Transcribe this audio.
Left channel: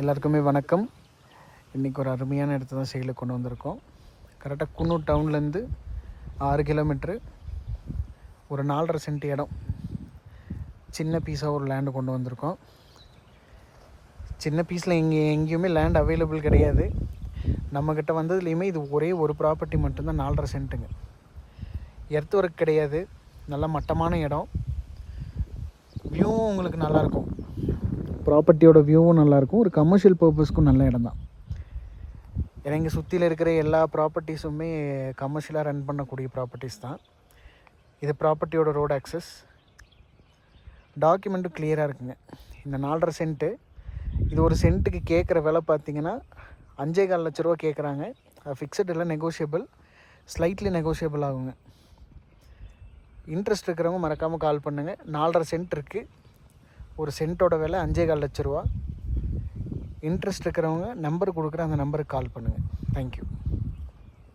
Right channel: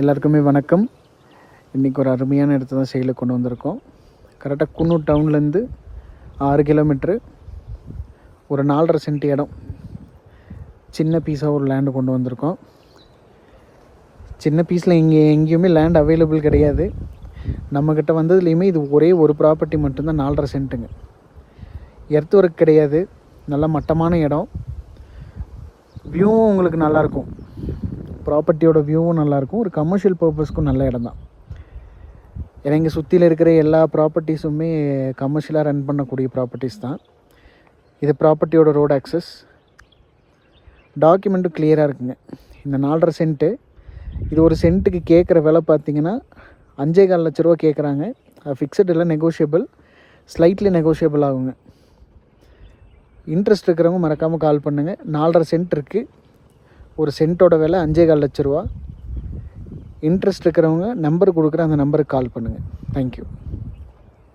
எல்லாருக்குமே வணக்கம். இன்றைக்கி ஒரு அருமையான இடத்த தான் சேலுக்கு கொண்டு வந்திருக்கோம். கரெக்டாக குன்னூர் டவுன்லேருந்து 6 கிலோமீட்ரு, ஒரு 4.5 சென்ட் இடம், சின்ன பீஸாக ஒரு லேண்டு கொண்டு வந்திருக்கோம். சின்ன பீஸில் எங்கேயுமே லேண்ட் அவைலபிள் கிடையாது. நம்மக்கிட்ட வந்ததுலேயுமே இது ஒரே ஒரு ப்ராப்பர்ட்டி மட்டும்தான் 4.5 சென்ட்டுங்க. எர்த் ஒர்க் கிடையாது. நல்ல மட்டமான இடம். வியூவும் உங்களுக்கு நல்லாயிருக்கும். ப்ராப்பர்ட்டியோட வியூவும் நல்லாயிருக்கும். ஒரு கமர்ஷியல் பர்பஸ்க்கும் நல்ல இடம் தான். ஏன்னா இங்கே சுற்றியில் இருக்கிற எல்லா ப்ராப்பர்ட்டிஸுமே கமர்ஷியலாக ரன் பண்ணக்கூடிய ப்ராப்பர்ட்டிஸ் தான். இது ப்ராப்பர்ட்டியோட ரோடு ஆக்சஸ். டாக்குமெண்ட்டும் கிளியராக இருக்குங்க. இந்த 4.5 சென்ட்டு, இது ஒரு சென்ட்டுக்கு கேட்குற விலை பார்த்திங்கன்னா 5.25 லட்ச ரூபா கேட்குறாங்க. ஃபிக்ஸட் இல்லை, நெகோஷியபிள், ஸ்லைட்லி நெகோஷியபிள் ஆகுங்க. இன்ட்ரெஸ்ட் இருக்கிறவங்க மறக்காமல் கால் பண்ணுங்கள். 4.5 சென்ட் இருக்குது. ஒரு சென்ட்டோட விலை 5.25 லட்ச ரூபா. இன்ட்ரெஸ்ட் இருக்கிறவங்க நம்பர் கொடுக்குற அந்த நம்பருக்கு கால் பண்ணுங்கள். தேங்க்யூ.